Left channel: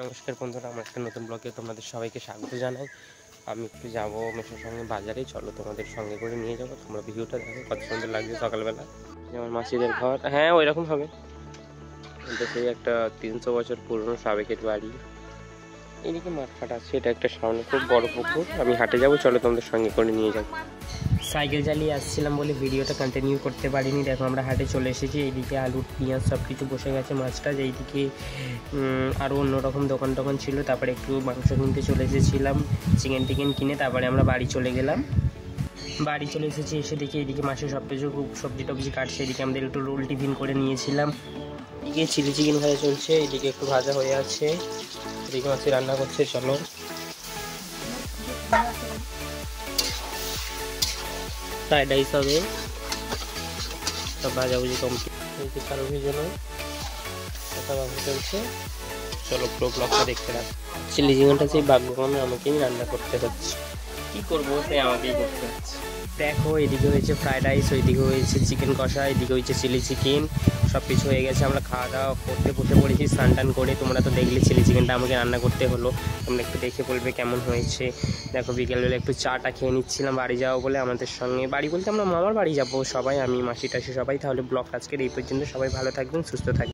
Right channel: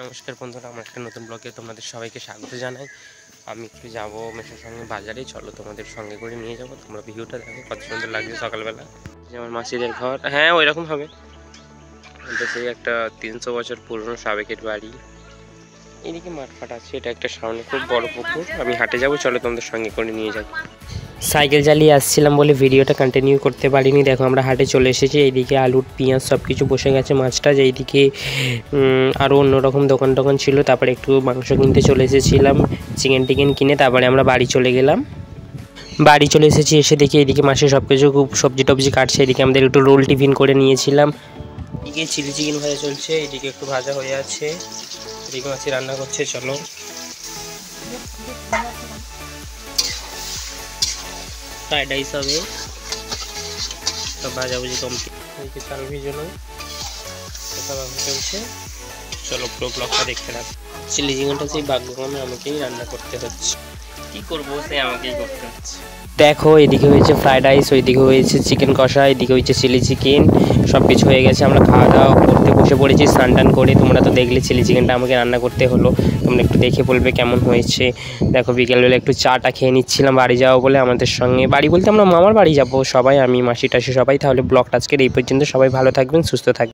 নমস্কার বন্ধুরা, আমার একটা নতুন ব্লগে তোমাদের সবাইকে স্বাগত জানাই। আমি একটু যাবো মেসোর সঙ্গে বাজারে, চলো তোমাদের সঙ্গে করে নিয়ে যাবো। তোমরা ভিউটা দেখো কত সুন্দর লাগছে সকালবেলা। আমার মাসিদের ঘর, হ্যাঁ ওই রকম হবে। এটা সেই একটা 300 বছর পুরনো সাবেকের বাড়ি। এদিকে মাঠ ফাট আছে, এটা একটা সামনে খুব বড় পুকুর। আমি হাটে যাবো, চলো তোমাদের সঙ্গে করে নিয়ে যাবো। সাইকেল চালিয়ে আসছিলাম বলে ভিডিওটা কন্টিনিউ করতে পারিনি। দেখো আমরা হাটে চলে এসেছি। এইদিকে আলু পেঁয়াজ সব কিছু বসে গেছে, মাছটা এইদিকে আরও অন্যরকম দোকান ছিল। তারপরে একটু মাংস কিনতে চলে এসেছিলাম, চিকেন টিকেন কিনে তারপরে আমরা বাড়ি চলে গেলাম। বাড়ি চলে এসেছি, এসে দেখি এইদিকে মাসে সব কিছু খুব সবজি টবজি কাটছে। এদিকে আমাদের একটু রোল টিফিন করে নিয়েছিলাম। এদিকে চিলি চিকেন ভাজা চলছে, এদিকে একটু ভাজা হয়ে আছে, এদিকে মাসি রান্না করছে। চলো ফ্রাইড রাইস হবে, সব ভাজাভুজি কমপ্লিট হয়েছে। চাল ভিজানো কথা চলছে, চলো পুরো ব্লগটা দেখতে থাক। চিলি চিকেনটা সেই ভাগ্যক্রমে আমাকেই রান্না করতে হচ্ছে, কি করবো সেই আমাকেই করতে হচ্ছে। দেখো এদিকে হয়েছে ফ্রাইড রাইস, ওইদিকে হয়েছে চিকেন কষা, এদিকে হয়েছে চিলি চিকেন, সব কিছু হয়ে গেছে। আমরা খাওয়া দাওয়া করতে বসে পড়েছি স্নান টান করে। তোমরা তো দেখলে চিলি চিকেনটা আমাকে রান্না করতে হলো, তোমরা একটু দেখে বলবে কেমন হয়েছে। দেখো বিকেলবেলা একটু চাটা খেয়ে নিচ্ছিলাম বাড়ি যাবো বলে। আমাদের সঙ্গে বাড়ি বলতে আমরা মামার বাড়ি যাবো সবাই, আমি মাসি টাসি সবাই। তাহলে ব্লগটা আজকের এই পর্যন্ত। সবাই ভালো থাকবেন, সুস্থ থাকবেন।